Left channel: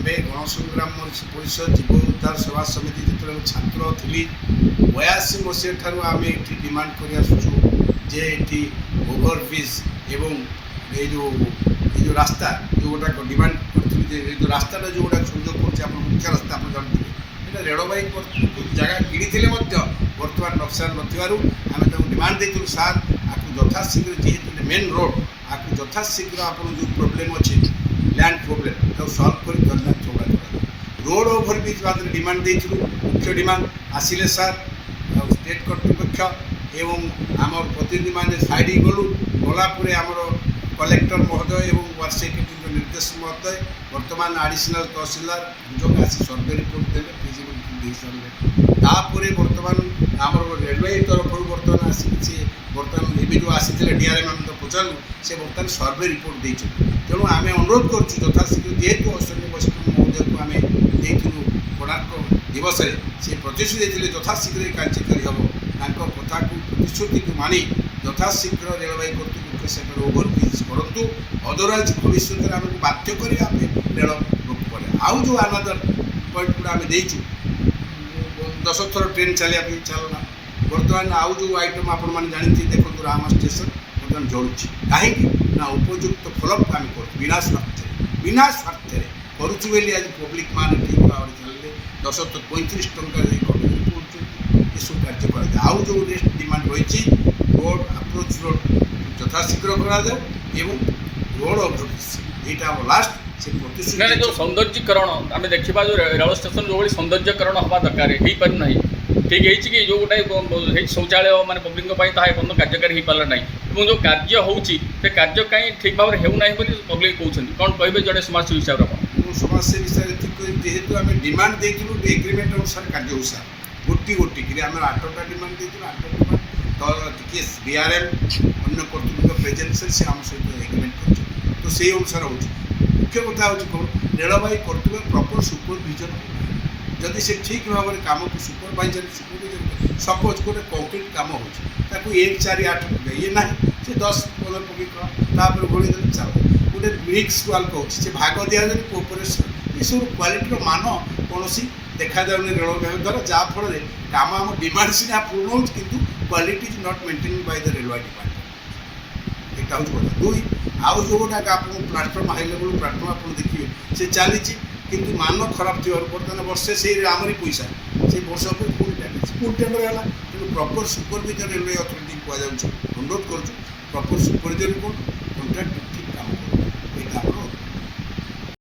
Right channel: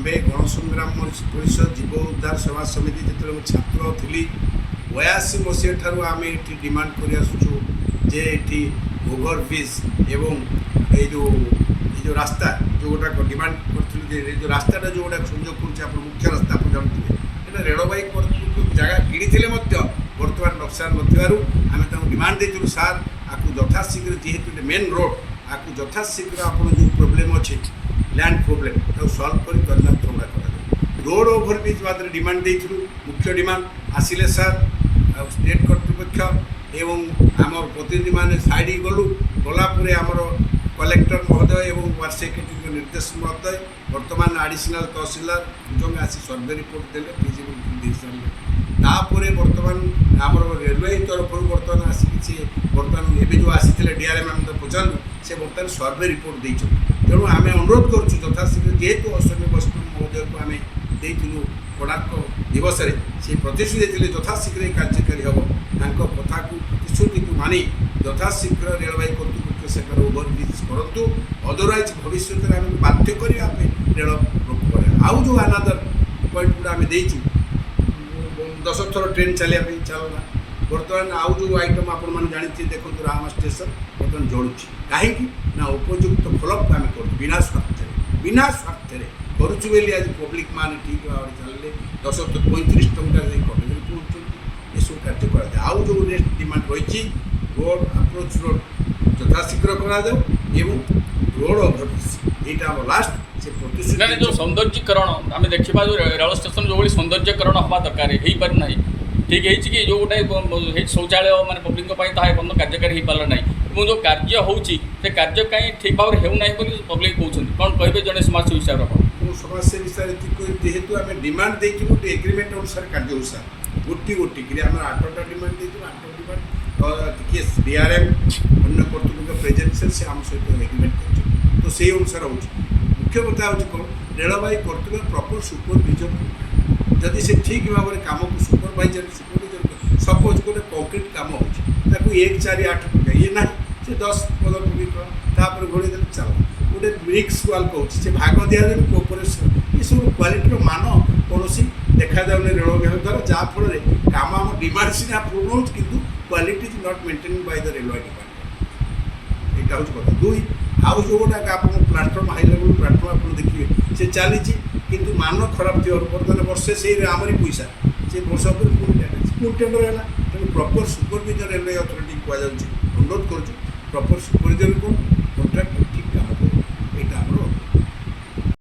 आम्भे गणसंग्राम परिषद जीव उद्धार सेवा समिति जो छात्र थी 82 मसीहा ठार आम ये डिमांड कर आसुचु जे ये ओभरब्रिज एवं ये रास्ता जो गोटा डिमांड कर जो रास्ता जो गोटा संयोग कर मुख्य रास्ता आप जानते हैं रेलवाई जगह किणी बर्तमान नक्शा नाम डिमांड देती सार आपको यथाशीघ्र जेहेतु मेन रोड आपको यथाशीघ्र आप जो प्रोब्लेम अच्छे लैंड प्रोब्लेम सल्व कर चौड़ा रोड ओभरब्रिज बाद डिमांड देती मुख्य डिमांड आसिले सार स्टेट कर्तृपक्ष एवं आम प्रतिनिधि मान साइड गलु गलापर आमर कलेक्टर महोदय और वार्ड सेक्रेटरी निर्देश महोदय बर्तमान एडिशनल तहसीलदार जो आसी सर्वे रिपोर्ट देले फिजिबिलिटी सारे बर्तमान आम रेलवे तरफ बर्तमान आसी बर्तमान एवं जो आसी डीआरएम आम तो पचारू से बर्तमान सर्वे रिपोर्ट दे तेणु आम अनुरोध करुँ यथाशीघ्र जेहेतु अश्विनी वैष्णव महोदय को आम देलु कोणार्क दिवस से प्रतिश्रुति देते यथाशीघ्र कार्यकारी हम कथा को प्रतिश्रुति को मानि यथाशीघ्र रेलवे कर्तृपक्ष से ओभरब्रिज करूँ अदरवाइज भविष्य में आम बाध्य करें रेल रोक आउ जो अनादर पॉइंट गुड़ा आम देचु 10 थर ट्रेन चलिए चलना बर्तमान आउ जो आइटम आपण मैंने जानते देखो रामा स्टेशन बर्तमान जड़ुची कहीं ना उपयुक्त फॉलोअप आम कर बिना स्वार्थ करुचुबली आज पब्लिक मान ठीक भाव चलिए 10 तो 35 टंका कमिटी पहुँचुं ये सब कार्य कर आउ जो रेस्ट डिमांड रही रोड अप्रोच रोड यथाशीघ्र करा एवं रोड ओभरब्रिज यहाँ आम लास्ट से प्रतिश्रुति जो सौंदर्यीकरण आम देखा जो रेल स्टेशन जो भाई सौंदर्यीकरण हवा दरकार हो पारना ठीक है कि जो गोटे शौचालय माने पब्लिक एपର୍ଯ୍यंत कार्यकारी हो पारा ना और जो कार्य होची कार्य कहीं ठीक भाव में होना पब्लिक कहते कौन कहे जड़े समाजसेवी हिसाब से समाजसेवी हिसाब से जेहेतु आम डिमांड देलु एग्रीमेंट अनुसार कार्य हो सार गोटी गोटी कि आम 8टा डिमांड देलु 8टा डिमांड तो टी डीआरएम अन्य कर्तृपक्ष प्रेजेन्स से आम सहित एग्रीमेंट कर तो से अनुसार हो मुख्य कथा हूँ कौन रेलवाई कर्तव्य प्रॉपर सुपरविजन जदि से ठीक भाव में कम को सुपरभाइजर सपोज गोटे कंक्रीट कम हो 1 4 8 टका ये ना से 10-15 टका घोड़ी दे चल गोटे ब्रिक्स वाल कौन से भाग दि जाए कोऑपरेशन ये सब क्वालिटी मान कौन देखा जाऊनी रेल विभाग द्वारा जहाँफल कम आम डिमांड सीना पूर्ण हो कि quality is not maintain by the railway department यहाँ हूँ कथा 2 आउ जो गोटा आप प्लाटफर्म हाई लेवल प्लाटफर्म आप देखिए से चली किंतु मान खराब थी बर्तमान वर्षे से आमरी पैसा से वर्ष पर पुणी डैमेज पुणी टेंडर है तेणु प्रॉपर सुपरविजन रेलवे अथॉरिटी कहु अनुरोध करुँ प्रॉपर सुपरविजन कौन कॉन्ट्राक्ट ठीक